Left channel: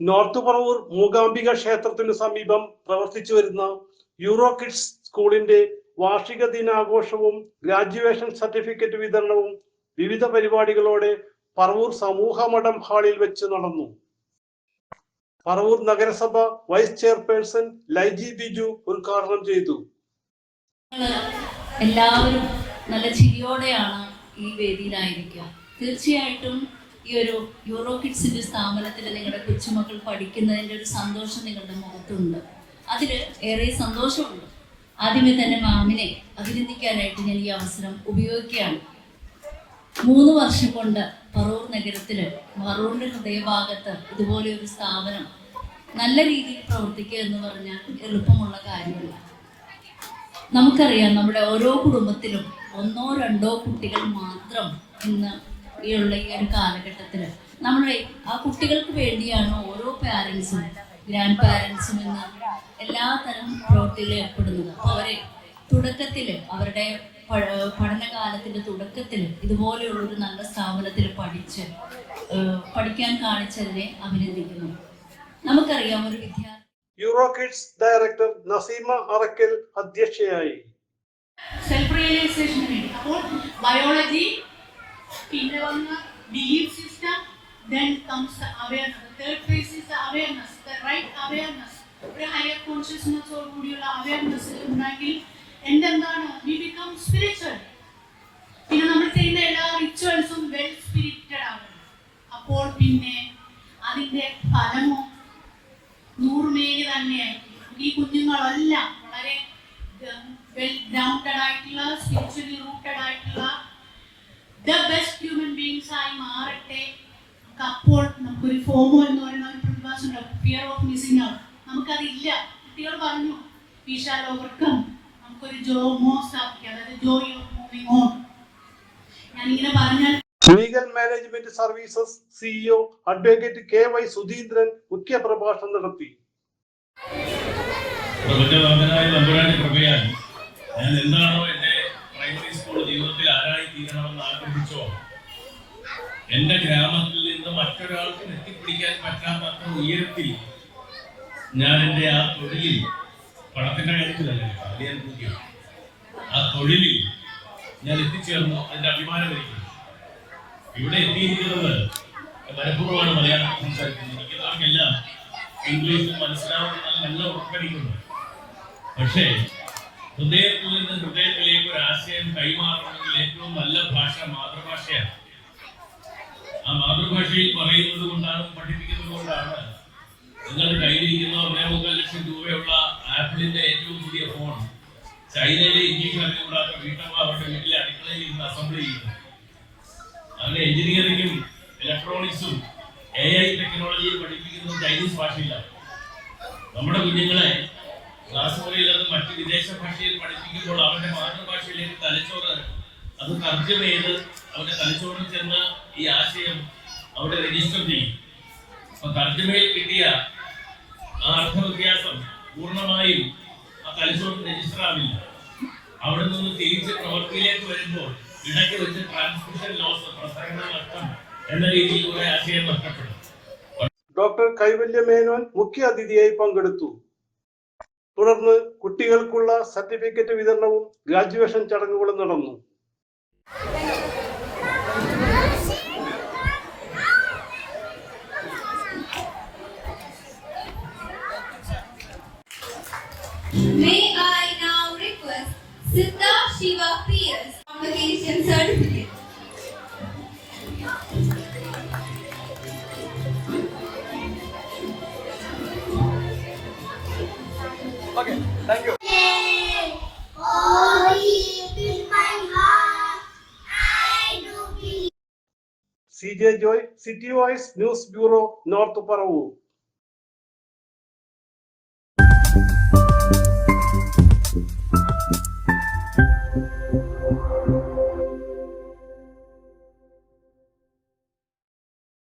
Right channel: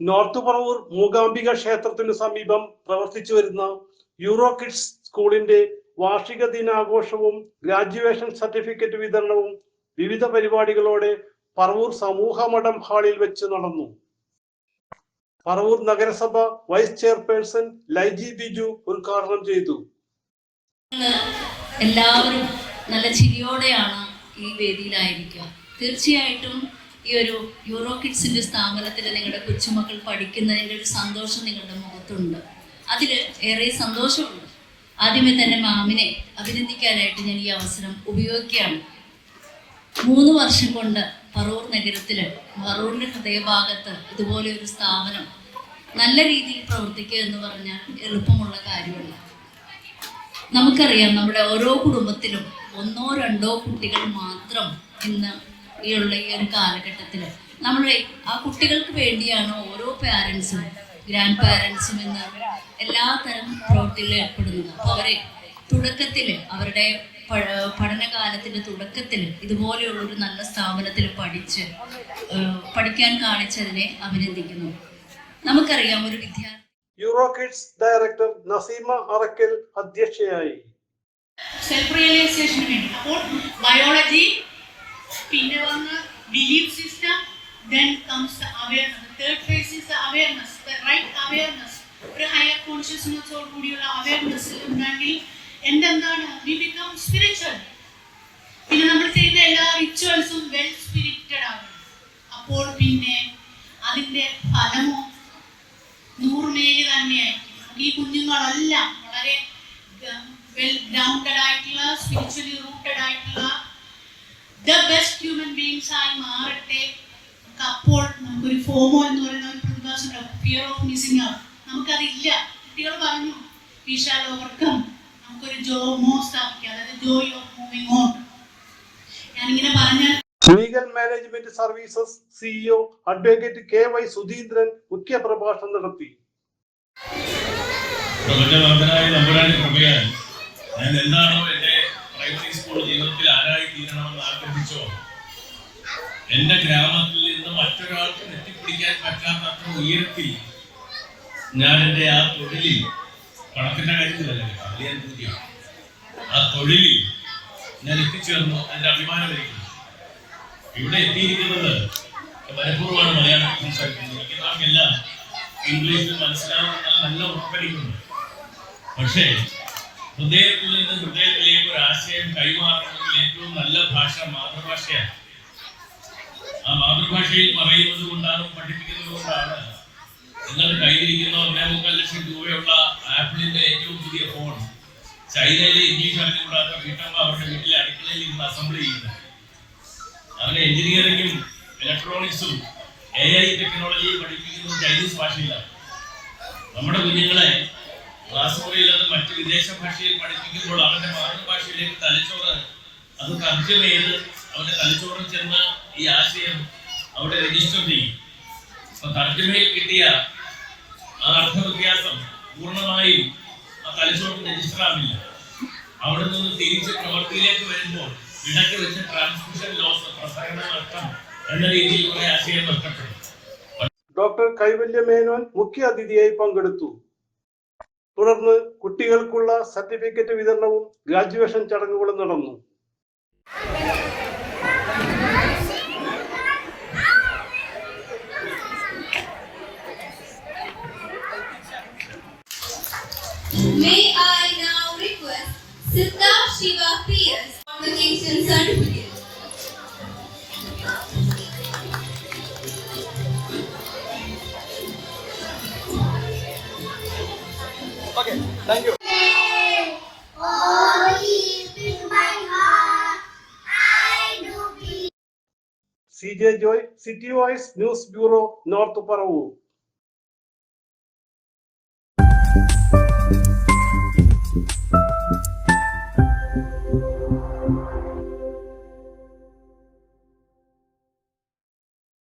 North Paravur Mookambika ക്ഷേത്രത്തിനു സമീപം പ്രവർത്തിച്ചു വരുന്ന യൂറോ കിഡ്സ് സ്കൂളിന്റെ വാർഷിക ദിനാഘോഷവും ഗ്രാജുവേഷൻ സർട്ടിഫിക്കറ്റ് വിതരണവും വിവിധ പരിപാടികളോടെ പറവൂർ സമൂഹ മഠം ഹാളിൽ വെച്ച് നടന്നു. പറവൂർ നഗരസഭ വൈസ് ചെയർപേഴ്സൺ ലൈജി ബിജു ഉദ്ഘാടനം ചെയ്തു. എല്ലാവരും നല്ല ചിരിയോടെയാണ് ഈ വേദിയിലായിരിക്കുക. തീർച്ചയായിട്ടും ഈ ഒരു യൂറോ കിഡ്സിന്റെ സ്ഥാപനത്തിൽ നിങ്ങളുടെ കൊച്ചുമക്കൾ പഠിക്കുന്നതിൻ്റെ ഒരു സന്തോഷം നിങ്ങളുടെ മുഖത്തുണ്ട്. അതിൽ ഏറെ സന്തോഷമുണ്ട്. ആദ്യമേ തന്നെ മാമിനെ അഭിനന്ദിക്കാനായിട്ട് ഞാൻ ഈ അവസരം ഉപയോഗിക്കുകയാണ്. 3 വർഷം കൊണ്ട് പറവൂർ നഗരത്തിൽ പറവൂരിൻ്റെ ഹൃദയഭാഗത്ത് ഇതുപോലെ ഒരു സ്ഥാപനം നല്ല രീതിയിൽ പ്രവർത്തിക്കുക എന്ന് പറഞ്ഞാൽ എളുപ്പമുള്ള കാര്യമല്ല. നമുക്കറിയാം, നമ്മുടെ ഓരോ കുടുംബത്തിലും 1-2 കുട്ടികൾ മാത്രം ഇന്ന് ഈ ഒരു കാലഘട്ടത്തിൽ നമ്മുടെ ആ കുട്ടികൾക്ക് വേണ്ടിയാണ് ഓരോ പാരൻസും ഗ്രാൻഡ് പാരൻസും ഇന്ന് എല്ലാ തരം പ്രവൃത്തികളിൽ ഏർപ്പെടുന്നത്. അപ്പോൾ അവരെ തുടക്കത്തിൽ അവരുടെ പഠനകാലത്തിൻ്റെ തുടക്കത്തിൽ ഇതുപോലെയുള്ളൊരു നല്ല സ്ഥാപനത്തിൽ പഠിക്കാൻ കാണിച്ചതിനെ അഭിനന്ദിക്കുന്നു. നമുക്കറിയാം, ഒരു വിദ്യാർത്ഥി Euro Kids director Naseema Arakkal അധ്യക്ഷയായി. സെൽഫ് റിയലൈസേഷന് വേണ്ടി അപ്പോൾ ബയോളജി, പിന്നെ വന്ന് belief system, then comes the awareness. The third phase is the awareness, the right awareness. ഒരു ഹയർ കോൺഷ്യസ്നെസ്സോട് കൂടിയുള്ള അവയർനെസ് ഉണ്ടെങ്കിൽ എന്താണ് we become spiritual. പിന്നെ നമ്മൾ ചെയ്യുന്ന എല്ലാ റിച്വൽസും വെൽ സ്പിരിറ്റഡ് ആകണം. അപ്പോൾ പിന്നെ അതിൻ്റെ ഫലമോ 100 മേല് തന്നെയായിരിക്കും. ഈ കുഞ്ഞുങ്ങളെല്ലാം വളരെ വെൽ ഗ്രൗണ്ടഡ് ആയിട്ടുള്ള, സ്പിരിച്വലി റൂട്ടഡ് ആയിട്ടുള്ള ദ ബെസ്റ്റ് ഹ്യൂമൻ ബീങ്സ് ആയി മാറട്ടെ. അപ്പോൾ നമുക്കൊരു ഫോമോ എന്ന് പറയുന്ന ഒരു പ്രതിഭാസം, ഫിയർ ഓഫ് മിസ്സിംഗ് ഔട്ട്, നമുക്കതില്ല. കുട്ടികൾ പറഞ്ഞു we shall overcome. നമുക്കൊരു അതായത് ജോയ് ഓഫ് മൂവിംഗ് ഓൺ. ഞാനിങ്ങനെ പറഞ്ഞാൽ legal management services CEO advocate KY Sudheendran മുഖ്യ പ്രഭാഷണം നടത്തി. ഞാൻ എന്താണോ എന്റെ പ്രൈമറി സ്കൂൾ ജീവിതത്തിൽ ആരായി തീരണമെന്ന് ആഗ്രഹിച്ചോ, എന്റെ ഗ്രാമത്തിൽ നിന്ന് മറ്റൊരാൾക്ക് എത്തിപ്പിടിക്കാൻ പറ്റാത്തത്ര ഉയരത്തിൽ ഞാൻ എന്റെ ആ തൊഴിലിൽ, പണത്തിന്റെ കാര്യത്തിലല്ല, ആ തൊഴിലിൽ ഞാൻ എത്തിച്ചേർന്നു. അതിന്റെ അഭിമാനം എനിക്ക്. ഇവിടെ എത്തിയിരിക്കുന്നത് മനഃപൂർവ്വമാണ് മലയാളത്തിൽ സംസാരിക്കുന്നത്. നമുക്കെല്ലാം ഇംഗ്ലീഷിൽ മനസ്സിലാവുന്ന നല്ല ഉറപ്പടിക്കുന്നു. പക്ഷേ ഹൃദയത്തിൽ നിന്ന് ഹൃദയത്തിലേക്ക് ഒരു ആശയം കൈമാറണമെങ്കിൽ ഏറ്റവും നല്ല ഭാഷ മാതൃഭാഷയാണ്. ആ മാതൃഭാഷയിൽ പറയുന്നത് കൊണ്ടാണ്, പഠിപ്പിക്കുന്നത് കൊണ്ടാണ് നിങ്ങളുടെ കയ്യിലിരിക്കുന്ന 1.25 ലക്ഷം രൂപയുള്ള ആപ്പിളിന്റെ ഏറ്റവും പുതിയ ഫോൺ ചൈനയിലെ ഇംഗ്ലീഷ് അറിഞ്ഞുകൂടാത്ത വീട്ടമ്മ അവരുടെ വീട്ടിലെ അടുക്കളയിൽ ഇരുന്ന് അസംബിൾ ചെയ്യുന്നത്. അങ്ങനെ എഞ്ചിനീയറിംഗും ഇലക്ട്രോണിക്സും AI ടെക്നോളജിയും പഠിപ്പിക്കുന്നത് ചൈനീസ് ഭാഷയിലാണ്. നമ്മുടെ കുഞ്ഞുങ്ങളെ ക്ലാസ് മുറിയിൽ അത് മറ്റ് വിദേശ ഭാഷയിൽ പഠിപ്പിക്കുമ്പോൾ അവന്റെ മാതൃഭാഷയിലേക്ക് തലച്ചോറ് അത് തർജ്ജമ ചെയ്ത് അവന്റെ തലച്ചോറിൽ ചെന്ന് ഈ ആശയം അവിടെ രജിസ്റ്റർ ചെയ്യും. അപ്പൊ തർജ്ജമയിൽ കിട്ടിയ ആ അർത്ഥവ്യത്യാസം പൂർണ്ണമായും ആ തലച്ചോറിൽ രജിസ്റ്റർ ആവില്ല. അവിടെ നിന്ന് തിരിച്ച് പ്രവൃത്തിയിലേക്ക് വരുമ്പോൾ ഇടയ്ക്ക് വെച്ച് ട്രാൻസ്മിഷൻ ലോസ്, പ്രസരണ നഷ്ടം എന്ന രീതിയിൽ കുറെ ആശയം നഷ്ടപ്പെടും. ഡോക്ടർ കൈവല്യ മേനോൻ മുഖ്യ അതിഥിയായി പങ്കെടുത്തു. തുടർന്ന് കുട്ടികൾക്കുള്ള സർട്ടിഫിക്കറ്റ് വിതരണവും ഗ്രാജുവേഷൻ ചടങ്ങുകളും നടന്നു. May I now request Siddha Shiva PS convocation certificate. Okay, thank you. CJ Joy, City Voice News Bureau, North Paravoor.